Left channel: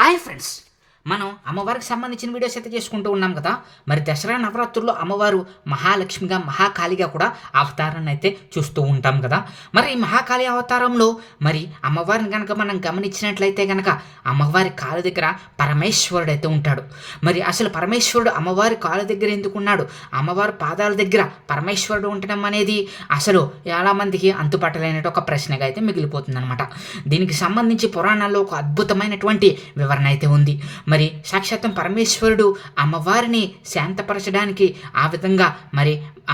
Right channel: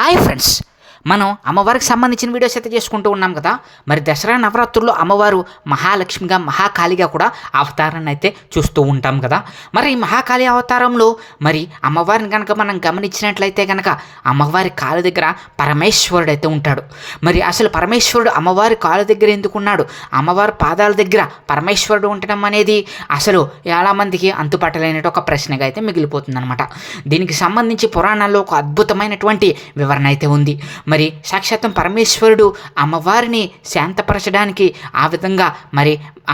Hi friends, మనం అమ్మవారికి సంబంధించిన వీడియోస్ అయితే చేసుకుంటూ ఉన్నాం కదా. మరి దసరా నవరాత్రుల్లో అమ్మవారు మహాలక్ష్మిగా మహాకాళిగా కూడా అవతారాన్ని అయితే చూస్తూ ఉంటాం కదా. మరి ఈ మహాకాళి అవతారంలో మరి అమ్మవారిని కనుక మనం గమనించినట్లయితే కనుక అమ్మవారి కాళ్ళ దగ్గర పరమేశ్వరుడు అయితే ఉంటాడు. మరి అసలు పరమేశ్వరుడు అమ్మవారి కాళ్ళ దగ్గర ఎందుకున్నాడు, అమ్మవారి పాదాల దగ్గర పరమేశ్వరుడు ఉండటం అనేది అసలు చాలామందికి అంతుపట్టలేనట్టు ఒక ప్రశ్నగా అయితే మిగిలిపోతుందన్నమాట. దీనికి సంబంధించి పురాణాల్లో ఒక అద్భుతమైనటువంటి వివరణ అయితే ఉంది. మరి సాక్షాత్తం పరమేశ్వరుడు అమ్మవారిని శాంతపరచడానికి ఆ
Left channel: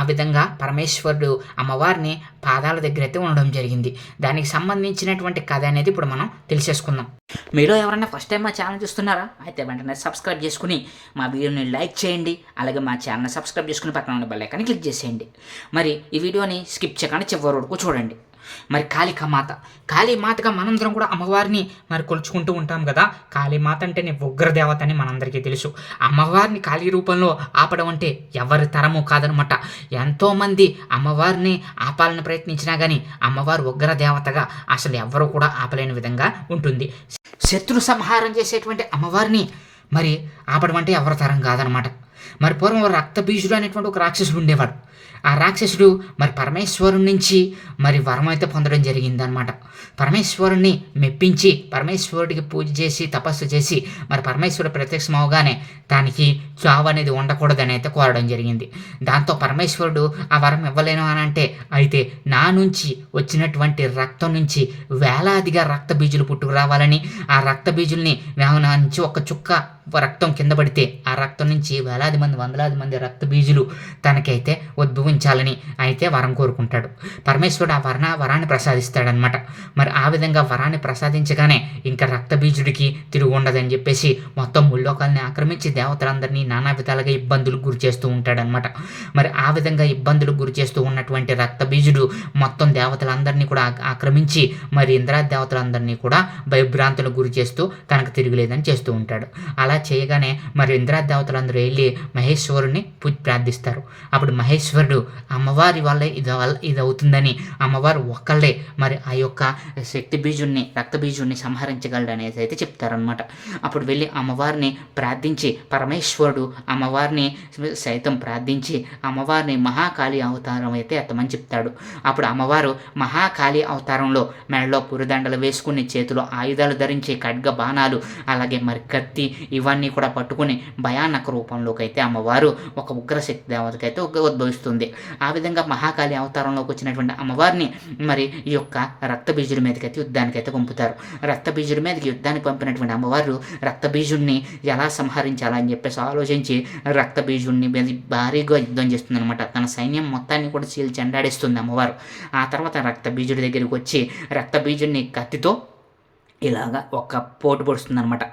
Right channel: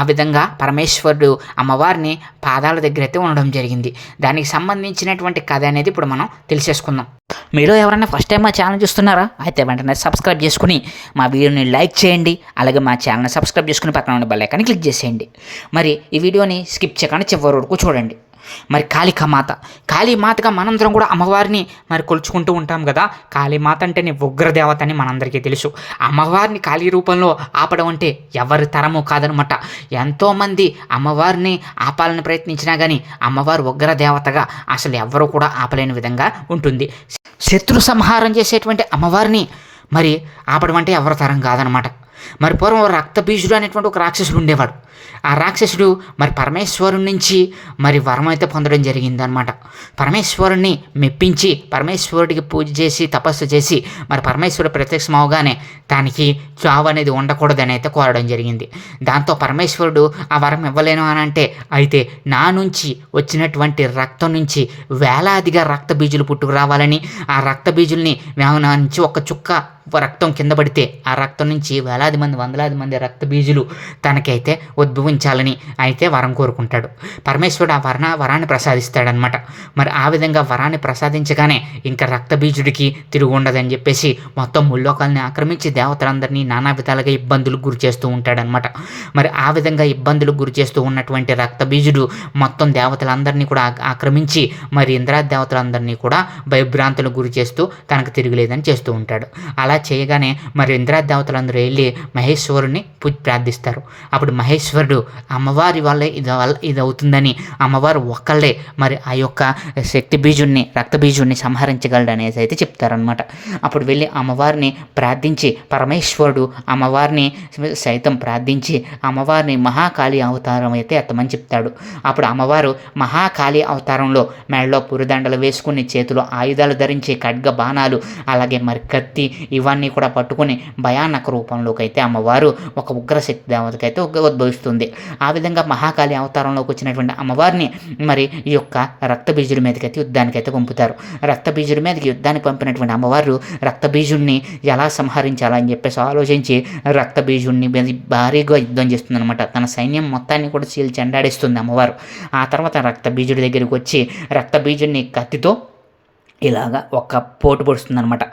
విధంగా పరమేశ్వరుడు అమ్మవారిని పాదాల దగ్గర అయితే ఉండడం జరిగింది. దానికి సంబంధించినటువంటి కథ అనేది ఇప్పుడు మనం తెలిసేసుకుందాం. మీరు ఎవరైనా ఫస్ట్ టైం మా ఛానల్ చూస్తున్నారా అయితే వెంటనే సబ్స్క్రైబ్ చేసుకుని మా వీడియోని లైక్ చేయండి. అలాగే మా ఛానల్ని సబ్స్క్రైబ్ చేసుకుని పక్కన ఉన్న బెల్ ఐకాన్ని క్లిక్ చేసేయండి. మరి ఈ వీడియోని స్కిప్ చేయకుండా చివరి వరకు చూడండి. మరి కాళీమాతగా మనందరం కూడా అమ్మవారిని మరి కొలుచుకుంటూ ఉంటాం కదా. కాళీమాత అంటే ఉగ్రదేవత అని మనందరికీ తెలుసు. అమ్మవారిని కాళీ రూపంలో ఆపడం అంటే ఎవరి తరము కాదనమాట. ఎంతోమంది అమ్మవారిని ఆపాలని ప్రయత్నించినా కానీ అమ్మవారు ఉగ్రదేవతగా అసలు ఎవరు కూడా ఆపలేని విధంగా ఉంటుంది. శత్రు సంహారం చేసేటువంటి అమ్మవారిని మరి ఆపడం అంటే ఎవరి తరం కాదనమాట. మరి పూర్వం రక్తబీజుడు అనేటువంటి ఒక రాక్షసుడు ఉండేవాడు. ఆ రాక్షసుడు మరి పరమేశ్వరుడి నుంచి మరి వరం అయితే పొందడం జరిగిందనమాట. పరమేశ్వరుణ్ణి మెప్పించి పరమేశ్వరుడికి పూజ చేసి తపస్సు చేసి మరి పరమేశ్వరుడు ప్రత్యక్షం అవగానే దానికి చావు అనేది ఉండకూడదని అయితే కోరడం జరిగింది. దాంతో పరమేశ్వరుడు ఆ వరం ఇవ్వలేను అని అంటే, అయితే నా నుంచి వచ్చినటువంటి రక్తం నుంచి వేలాదిగా రక్త బీజులు పుట్టుకు రావాలని, ఆ రక్త బీజుల్ని నా నుంచి ఒక చుక్క రక్తం కింద పడితే ఆ రక్తం నుంచి వేలాది మంది వందలాది మంది రక్త బీజులు తనకైతే ఉద్భవించాలని అయితే వరం కోరుకుంటాడు. పరమేశ్వరుడు ఆ వరాన్ని ప్రసాదిస్తాడనమాట. మరి ఆ విధంగా వరాన్ని ప్రసాదించగానే ఇంకా రక్త బీజుడికి తిరుగు ఉండదని చెప్పేసి మొత్తం ముల్లోకాలని ఆక్రమించి దేవతలందరినీ నానా విధాలుగా ఇబ్బందులకు గురి చేస్తూ ఉంటాడనమాట. మరి ఆ విధంగా ఇబ్బందులకు గురి చేస్తూ ఉన్నటువంటి రక్త బీజుడు మొత్తం దేవతలందరినీ కూడా ఆక్రమించి మరి ఇంద్రాది దేవతలందరినీ కూడా భయభ్రాంతులకు గురి చేస్తూ తనకు తిరుగులేదని చేస్తూ ఉంటాడు. అలా చేయగానే మరి ఇంద్రాది దేవతలందరూ వెళ్ళి మహేశ్వరుని ప్రార్థిస్తారు. అప్పుడు మహేశ్వరుడు అమ్మవారి వల్లే ఇది అవుతుందని, అమ్మవారు ఒక్కళ్ళే మరి ఆ యొక్క శక్తి బీజుడిని రక్త బీజుడిని సంహరించగలడు అనేసి అయితే చెప్తారనమాట. అప్పుడు వెళ్ళి అమ్మవారిని ప్రార్థించి పరమేశ్వరుడు అమ్మవారిని సైతం ప్రార్థించి అమ్మవారిని మహాకాళి అవతారం అయితే ఎత్తమని చెప్తాడు. అప్పుడు అమ్మవారు మహాకాళి అవతారంలో మెడలో పురిదండలు వేసుకుని చేతిలో ఆయుధాలు ధరించి ఖడ్గ బాణాలు అలాగే మరి కత్తి ఇవన్నీ కూడా పట్టుకుని భయానక రూపంలోకి అయితే అమ్మవారు ఒక ఉగ్రశక్తి దేవతకైతే ఉద్భవిస్తుంది. ఆ విధంగా మహాకాళి అవతారంలోకి వచ్చినటువంటి అమ్మవారిని మరి ఈ యొక్క రక్తబీజుడి మీదకైతే యుద్ధానికైతే పంపుతారు. రక్తబీజుడి మీదకి యుద్ధానికి పంపినటువంటి అమ్మవారు రక్తబీజుడిని ఎలా సంహరించాలని చెప్పేసి ఆలోచించి రక్తబీజుడిని భారీగా యుద్ధం చేస్తుంది అనమాట. తన సైన్యం మొత్తాన్ని కూడా చెండాడిస్తుంది అమ్మవారు. ఆ తర్వాత రక్తబీజుడి దగ్గరికి వచ్చి రక్తబీజుడిని కత్తితో ఇలాగా ఒక పోటు పొడుస్తుంది అనమాట.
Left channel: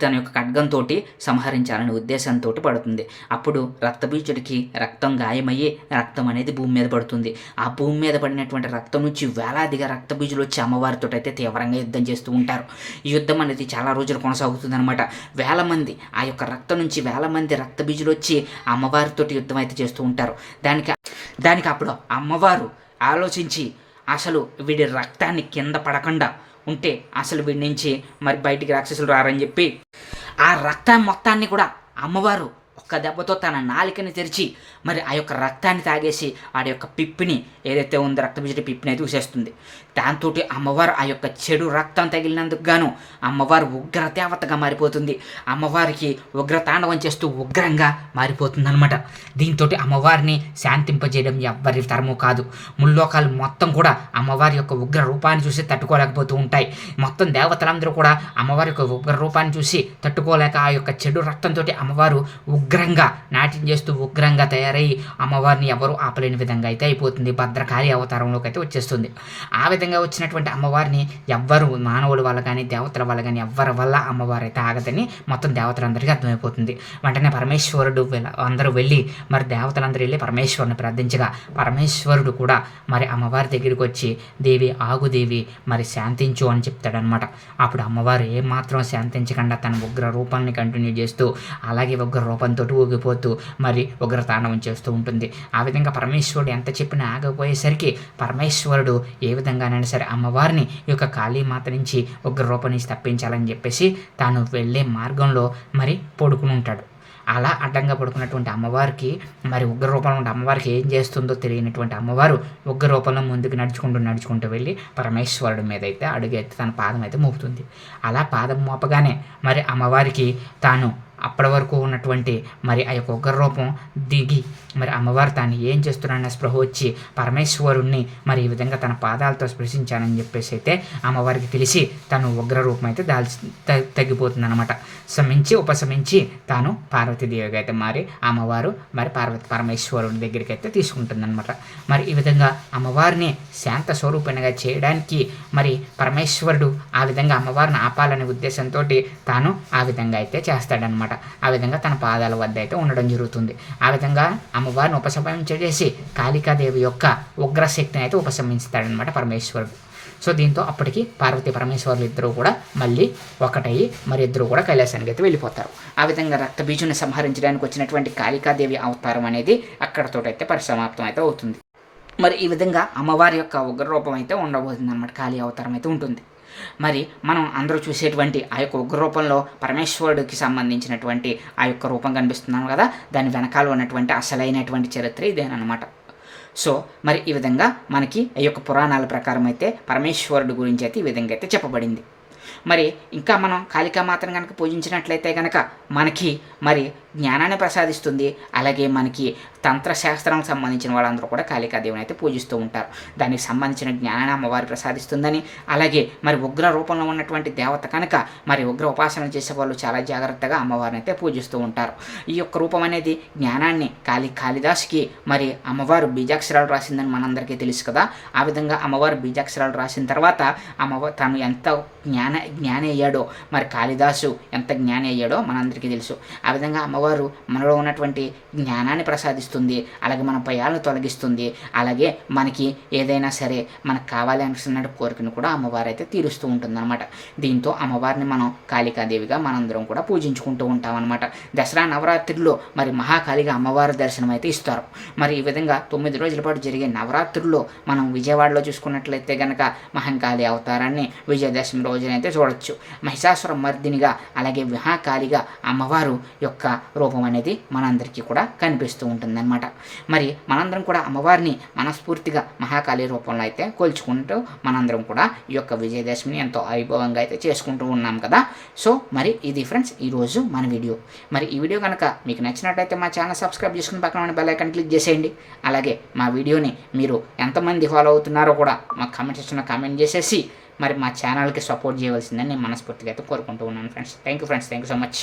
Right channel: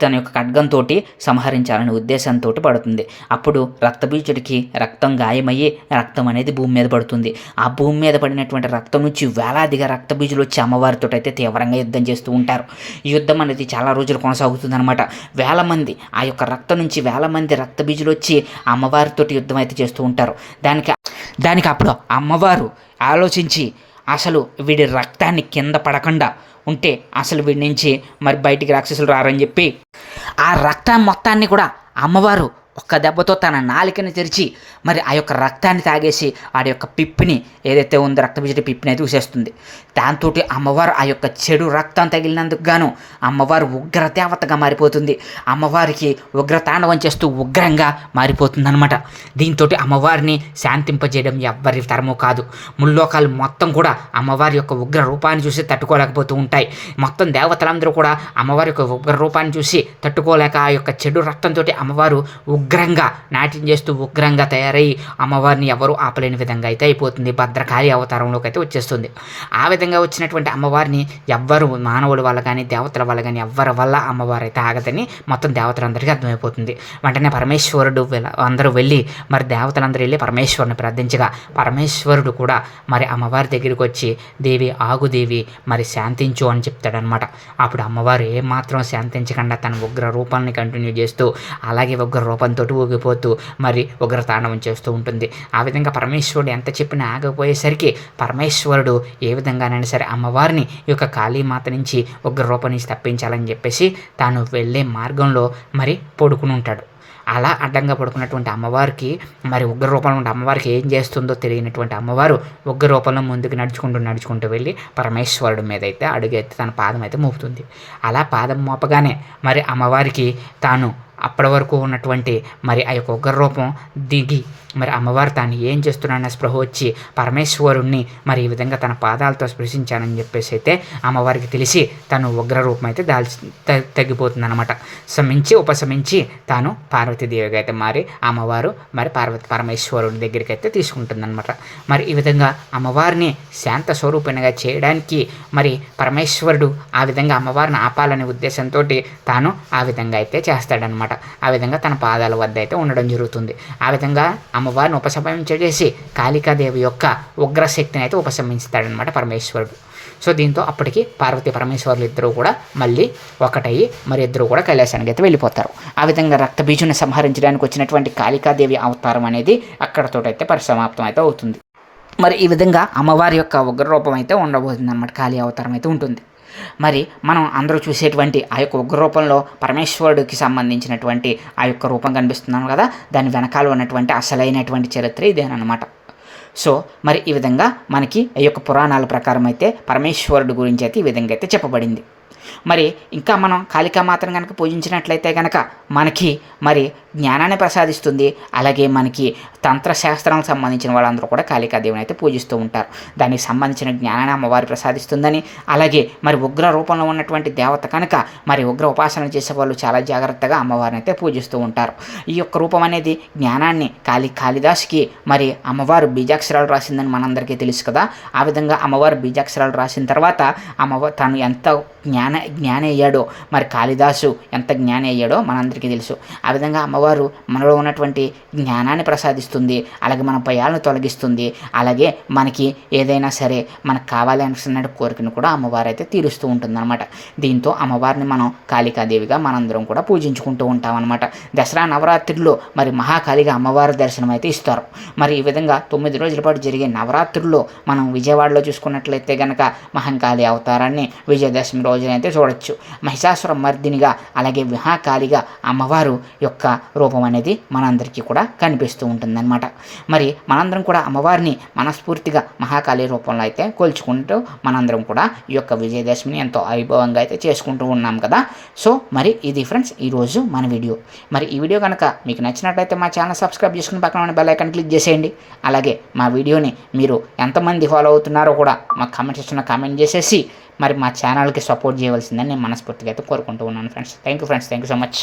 తన యొక్క ఖడ్గంతో సంహరించాలనే ఉద్దేశంతో పడుతుంది. అప్పుడు రక్తబీజుడికి రక్తం గాయమయ్యి రక్తం అనేది భూమి మీద పడుతుంది. ఆ భూమి మీద పడినటువంటి రక్తం నుంచి వేలాదిగా రక్తబీజులు వచ్చి అమ్మవారితో అయితే తీవ్రంగా యుద్ధం చేస్తూ ఉంటారు. ఈ యుద్ధం అనేది చాలా రోజులు కొనసాగుతుంది అనమాట. వేల మంది ఆ యొక్క రక్తం నుంచి వేల మంది రక్తబీజులు వచ్చి అమ్మవారితో యుద్ధం అయితే చేస్తూ ఉంటారు. దానికి అప్పుడు అమ్మవారు ఆలోచించి అసలు వీడి రక్తాన్ని కింద పడకుండా ఉంటే అసలు వీడి నుంచి మరి బయటికి రాక్షసులు రారని చెప్పి ఆ రక్తాన్ని మొత్తాన్ని కూడా అమ్మవారు ఒక్క దెబ్బతో తన నాలికని తెరిచి మరి ఆ యొక్క రక్తాన్ని తాగేసి ఆడి యొక్క పిప్పిని ఏదైతే ఉందో రక్తబీజుడి పిప్పిని అయితే చూసేస్తుంది. దాంతో అమ్మవారు ఆ యొక్క చెడు రక్తం తగిలినందుకు గాను అమ్మవారు ఉగ్రదేవతగా మారిపోతుంది. అమ్మవారికి ఉగ్రతాండవం చేస్తూ ఉగ్రంగా మారిపోతుంది అనమాట. దీంతో అమ్మవారిని శాంతింపజేయడం ఎవ్వరి తరము కాదు. ముల్లోకాలు మొత్తం కూడా అమ్మవారి యొక్క ఉగ్ర రూపాన్ని చూసి తట్టుకోలేకపోతూ ఉంటాయి. మొత్తం దేవతలందరూ కూడా అమ్మవారి యొక్క ఉగ్ర రూపాన్ని చూసి తట్టుకోలేక ఆ యొక్క చెడు రక్తంతో అమ్మవారు ఉగ్రంగా నాట్యం చేస్తూ ఉగ్రంగా తయారై అమ్మవారిని ఎవరు ఆపలేని విధంగా అయితే అయిపోతుంది. భద్రకాళి అవతారంలోకి అయితే వచ్చేస్తుంది. ఆ విధంగా వచ్చినటువంటి అమ్మవారిని ఎవ్వరు మానవుల వల్ల కానీ దేవతల వల్ల కానీ ఎవ్వరి వల్ల అమ్మవారు అయితే ఆగదని మొత్తం దేవతలందరికీ అర్థమైపోతుంది. వెంటనే పరమేశ్వరుడు అందరూ వెళ్ళి మరి దేవతలందరూ వెళ్ళి పరమేశ్వరుని ప్రార్థించగా పరమేశ్వరుడు కూడా మరి అమ్మవారి దగ్గరికి వచ్చి దేవి ఆగుదేవి మరి శాంతించు అని చెప్తాడనమాట. అప్పుడు అమ్మవారు ఏమాత్రం శాంతించకుండా తన ఉగ్ర రూపాన్ని కంటిన్యూ చేస్తూ అలాగే ఉగ్ర రూపంతో కోపంతో ఊగిపోతూ మరి ఉగ్రతాండవం చేస్తూ ఉంటుంది. ఆ విధంగా పరమేశ్వరుడు ఎంత చెప్పినా ఆగపోయేసరికి పరమేశ్వరుడు ఏ విధంగానైనా సరే అమ్మవారిని ఈ యొక్క కాళీమాత నుంచి ఉగ్రరూపం నుంచి తప్పించాలని చెప్పేసి తాను వెళ్ళే మార్గంలో మరి పడుకుని ఉంటాడు. అలా అడ్డంగా పడుకున్నటువంటి అమ్మవారికి మరి ఉగ్ర రూపంలో ఉంటే అమ్మవారికి ఏం చేస్తుందో తెలియనటువంటి అమ్మవారు ఉగ్ర రూపంలో ముందుకు నడుచుకుంటూ వెళ్ళి పరమేశ్వరుడి మీద అయితే అడుగెత్తి తన పాదం అయితే మోపుతుంది. అలా పాదం మోపగానే మరి అమ్మవారికి తాను అప్పటి వరకు ఉన్నటువంటి మరి ఆ యొక్క ఉగ్ర రూపం దిగి మరి అమ్మవారు తాను ఏం చేస్తున్నానన్న స్పృహ వచ్చి పరమేశ్వరుణ్ణి మరి ఈ విధంగా తన పాదాలతో స్పృశించానని చెప్పేసి అయితే అమ్మవారికి తెలిసి తను ఉగ్ర రూపం అయితే తగ్గిపోతుంది అనమాట. ఉపశమించి తాను పార్వతీదేవిగా అయితే మారి అమ్మవారు మరి పరమేశ్వరుని దగ్గరికి అయితే తీసుకుంటుందన్నమాట. మరి ఈ విధంగా అమ్మవారిని శాంత స్వరూపిణిగా చేయడానికి మరి పరమేశ్వరుడు ఆ విధంగా అమ్మవారిని ఆపాలనే ఉద్దేశంతో తాను ఆ విధంగా అయితే చేస్తాడనమాట. ఆ విధంగా తన పాదాల వద్ద అయితే ఉండడం జరుగుతుంది. ఆ విధంగా అమ్మవారిని ఉపశమించేసి కాళికాదేవి యొక్క ఉగ్రశక్తిని అయితే ఉపశమిస్తాడనమాట పరమేశ్వరుడు. సో దీంతో అప్పటికి పార్వతీ పరమేశ్వరులు ఇద్దరు కూడా మళ్ళీ ఒకటయ్యి మరి ఇద్దరు కూడా కైలాసానికి అయితే వెళ్ళిపోతారు. ఆ విధంగా రక్తబీజుని సంహరించడానికి వచ్చినటువంటి కాళికాదేవి అవతారం అనేది అక్కడతోటైతే పరిసమాప్తం అయితే అవుతుంది. మరి ఈ విధంగా అమ్మవారి యొక్క ఉగ్రరూపం అయితే ఉండబోతుంది అన్నమాట. కాళీ అవతారం అయితే ఉంటుంది. మరి మనం అందరూ చూసేటువంటి ఆ యొక్క ఉగ్రరూపంలో పరమేశ్వరుడికి సంబంధించినటువంటి ఆ యొక్క రూపం కనిపిస్తున్నాను కదా, దాని వెనకాల ఉన్నటువంటి అసలైనటువంటి చరిత్ర ఇదేనమాట. సో మరి ఈ విధంగా మనకి ఈ యొక్క పురాణాల ప్రకారం అయితే పరమేశ్వరుడు గురించి అయితే ఈ విధంగా అయితే చెప్పబడింది. మరి ఇంకా మనం కాళికామాతను కనుక పూజించినట్లయితే కనుక మనకి మరి జ్ఞానాన్ని ప్రసాదిస్తుంది. అలాగే మనకి తంత్రశాస్త్రానికి సంబంధించిన వాళ్ళందరూ కూడా కాళికాదేవిని అయితే పూజిస్తూ ఉంటారు. దానికి సంబంధించిన జ్ఞానాన్ని అమ్మవారి ప్రసాదిస్తుందని, అలాగే మరి ఉగ్ర రూపంలో ఉన్నటువంటి దేవత కనుక మరి ఉగ్ర ఉపాసన చేసే వాళ్ళు చాలా జాగ్రత్తగా అమ్మవారిని అయితే పూజిస్తూ ఉంటారు. ఈ యొక్క రూపం అనేది జ్ఞానాన్ని కాళిదాసుకి మరి అమ్మవారు బీజాక్షరాలు రాసిందని మనందరికీ తెలుసు కదా. ఆ విధంగా అమ్మవారు బీజాక్షరాలు రాసిన తర్వాత అమ్మవారు తను ఎంత జ్ఞాని అయ్యాడో, మరి కాళిదాసు ఎంత జ్ఞాని అయ్యాడో మనందరికీ తెలుసు. ఆ విధంగా అమ్మవారు మనలో ఉన్నటువంటి జ్ఞానాన్ని ప్రసాదిస్తుంది, అలాగే మన భయాలను తొలగిస్తుంది, అలాగే మనకి ఏదైనా సరే మనకు కావాలి అనుకున్న కోరికను కూడా అమ్మవారు అయితే తీరుస్తూ ఉంటుంది అనమాట. దీంతో అమ్మవారిని మనం కాళికాదేవిగా మనందరం కూడా పూజించుకుంటూ ఉంటాం అనమాట. దసరా నవరాత్రుల్లో మరి మహాకాళిగా అమ్మవారి దర్శనం అయితే ఇస్తారు. మరి ఈ విధంగా 9 రోజుల పాటు జరిగే నవరాత్రుల్లో మనం విజయవాడలో చూసుకున్నట్లయితే కనుక మహంకాళి అవతారాన్ని విజయదశమి రోజునైతే చూడొచ్చు. మహిషాసుర మర్దినిగా అలాగే మహాకాళిగా అమ్మవారు యొక్క రూపం అనేది మనందరికీ కూడా కనిపిస్తూ ఉంటుందన్నమాట. మరి మనందరం కూడా అమ్మవారిని మనస్ఫూర్తిగా మహాకాళి రూపంలో అయితే కొలుచుకుంటూ మనందరం కూడా ఈ యొక్క విజయదశమిని ఎంతో వైభవంగా అయితే చేసుకుంటూ ఉన్నాం కదా. సో మరి ఇది ఫ్రెండ్స్ ఈరోజు మన వీడియో. మరి ఈ వీడియో కనుక మీకు నచ్చినట్లయితే మా ఛానల్ సబ్స్క్రైబ్ చేసుకుని పక్కన ఉన్న బెల్ ఐకాన్ క్లిక్ చేసేయండి. అలాగే మా వీడియోని మీరు ఎంతమంది ఫాలో అవుతున్నారో కూడా మా కామెంట్ సెక్షన్లో కామెంట్ చేసేసి మరి మా ఛానల్కి సపోర్ట్ చేయవలసిందని నేను మనస్ఫూర్తిగా అయితే కోరుకుంటూ ఉన్నాను friends. Thank you so much.